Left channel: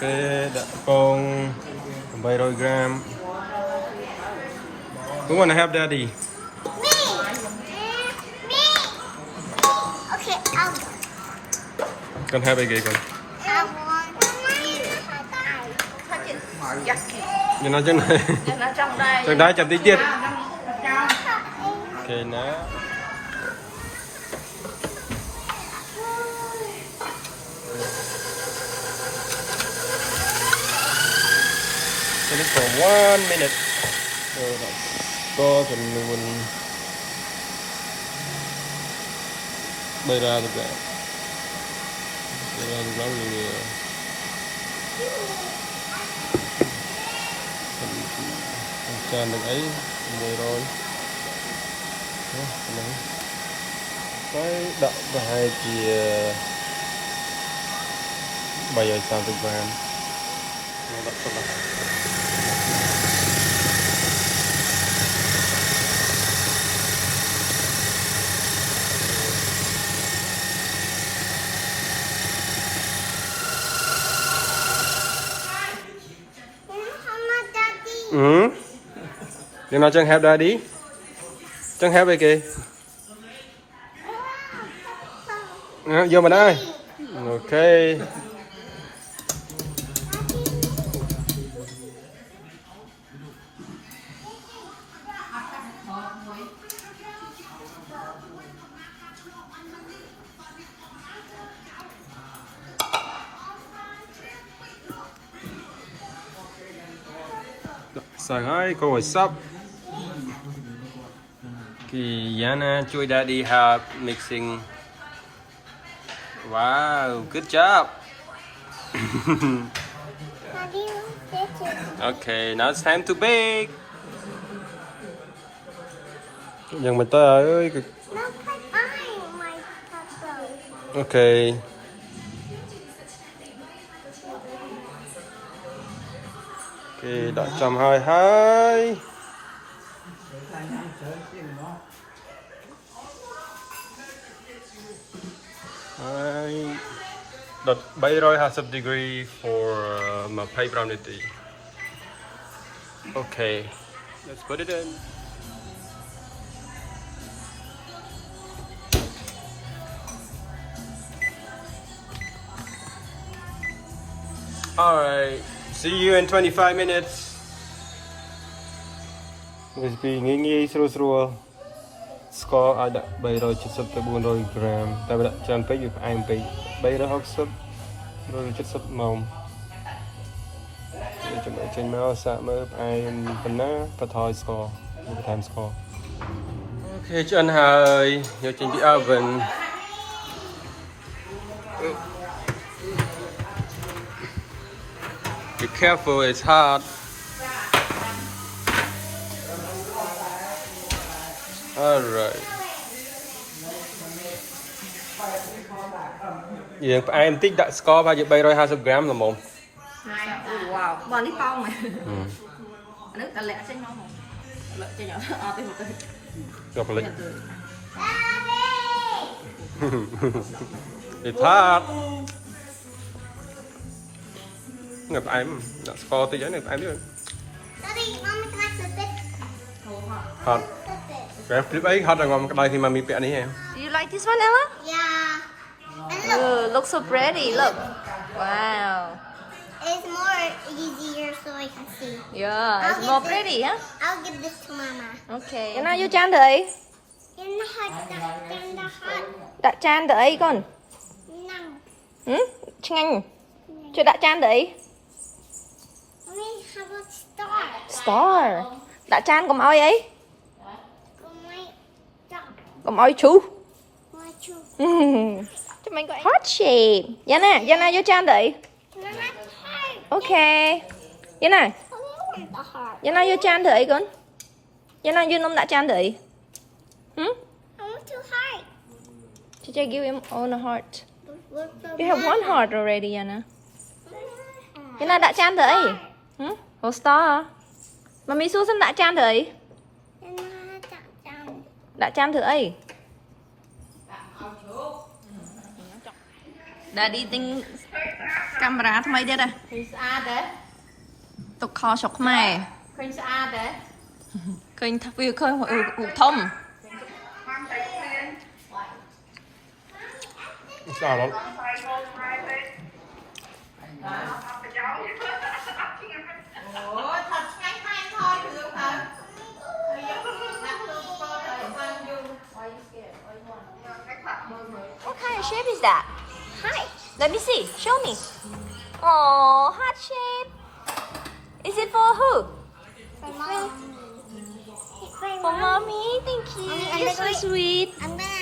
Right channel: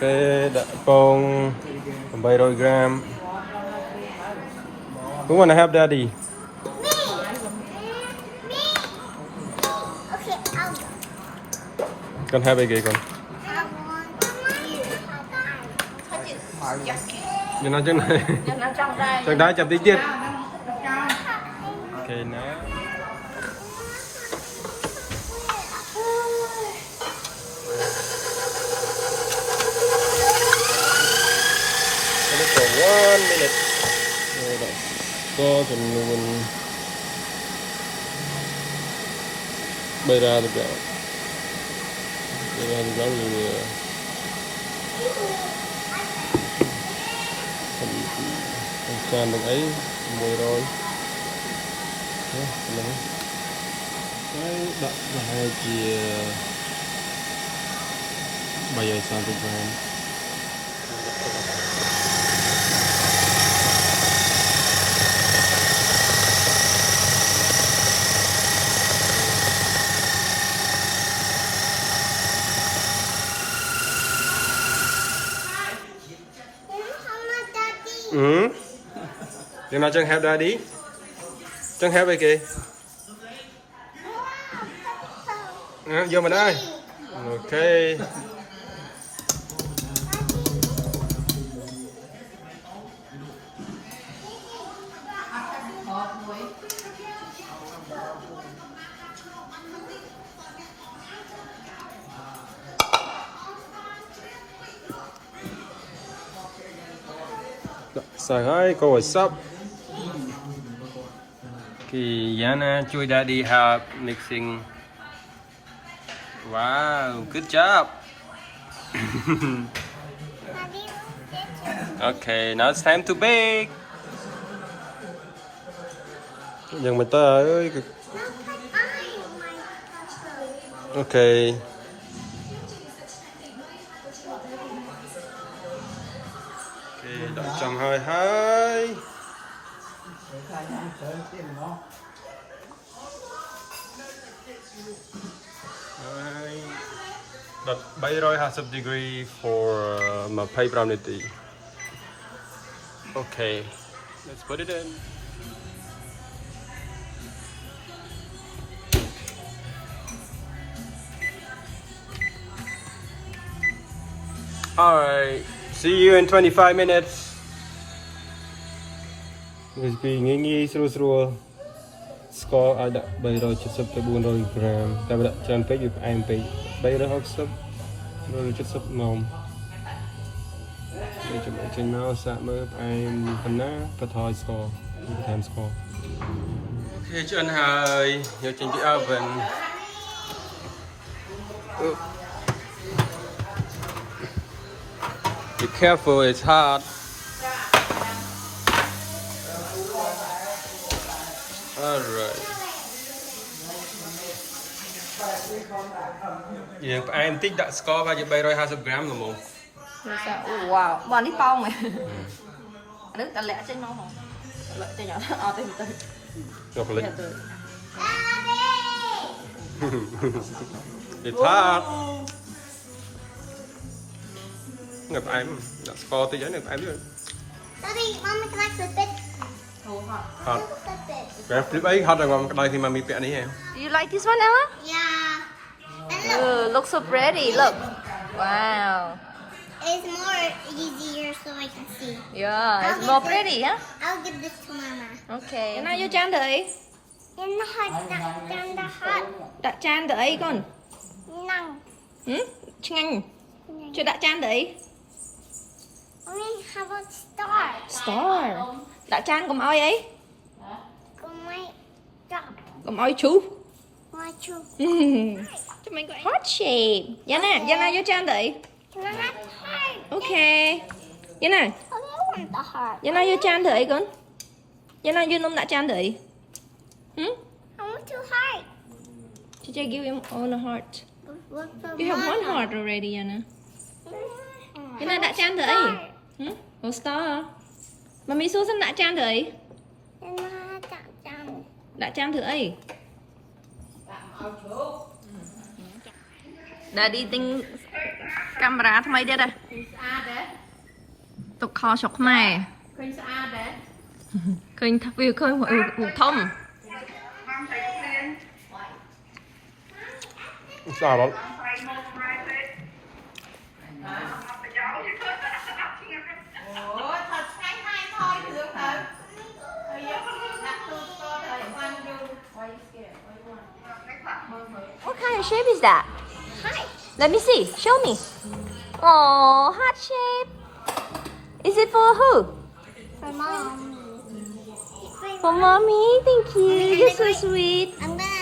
Okay, đã con 700 gram. Who wanna have daddy? Okay, Con have cái con. Cho nó chân này. Chân đá chậm tí tiết. Okay, now. For 1 minute. Có chừng mình bay ra được rồi. Bay ra được lắm rồi. Tràn được ấy mùi rồi. Cái đậm và hai chia 730 gram. Ừ. Nhưng nào chân hẹp ra đi. Chân hẹp đây kìa. Vô mà đây. Ok. Say hi, go what's up? Okay, Yana, chui daddy help mixing. Wow, good job. Okay, now it's time to bake. Dần mình ta ơi. Okay. Okay, đã 122. Đặt 750 degree for my pie brownie tea. Okay, let's put it in. Alright, see you in 25 minutes. Recipe nghi srul. Score ada 370 tới 400 gram. Tại vì đã tràn peck thì phải ăn peck 360 370 màu. Để cho mọi trên máu xạ mới ai phần ná và thôi score. Time score. Ok, cho anh hơi vô trên cái oven. Be careful, it's hot. Alright. Vậy em tích đã score bao nhiêu 320 gram là một. wow, mà ní phong này. Nước ta lẹ trên nó mà. Lẹ tay nhỏ, tay một tay. Ngọc lịch. It's hot. Ngập em, đã score tới giấy này em biết. Hot. Cái clip ấy hot rồi còn đây thì mà mi bẹ này em. Do you like this one, Ella? Yeah. Looks so pretty. Look. Wow. It's more easier so I can see. Yeah, it's more pretty, huh? I'll give this to Mama. Okay. Vậy nào vô chan thử. In the hot, in the hot. Đặt chan thử con. No. Ừ? Chanh. Cho đặt chan thử. Only how about star? Star. Đặt chan cùng oi ấy. Go my dog. Cùng oi chú. My chu. Cho mình gọi hot shape. Dạ nè, vô chan thử. Can I have heart? Ok. Dạ nè. I want the heart. Dạ nào vô chan thử con. Dạ nào vô nôm đã chan thử. Hmm? I want two hearts. Did I give him all a heart? Look for You have one heart already, Yana. Dạ nào đã chan thử. Hmm? Oh, star. Mà mi xuống xin đã chan thử. Đã chan thử ấy. Daddy thinks Camera ថ្មីទៀតហ៎ ឃើញស្អាតដែរ ទុកខស្រុកខ្មែរ ឃើញស្អាតដែរ ឃើញថាវាឃើញរូបធំ Sao lắm. អូថតឆ្ងាញ់ហើយថតរឿងទៅហើយយកដាក់ទូស្គាល់ទៅបានយូរអីស្គែអីគាត់ What kind of shape is that? Hi. Let me see. Show me. Oh, heart shape. Is it for who? For mommy. Thank you. Mommy, You're so sweet. I'm gonna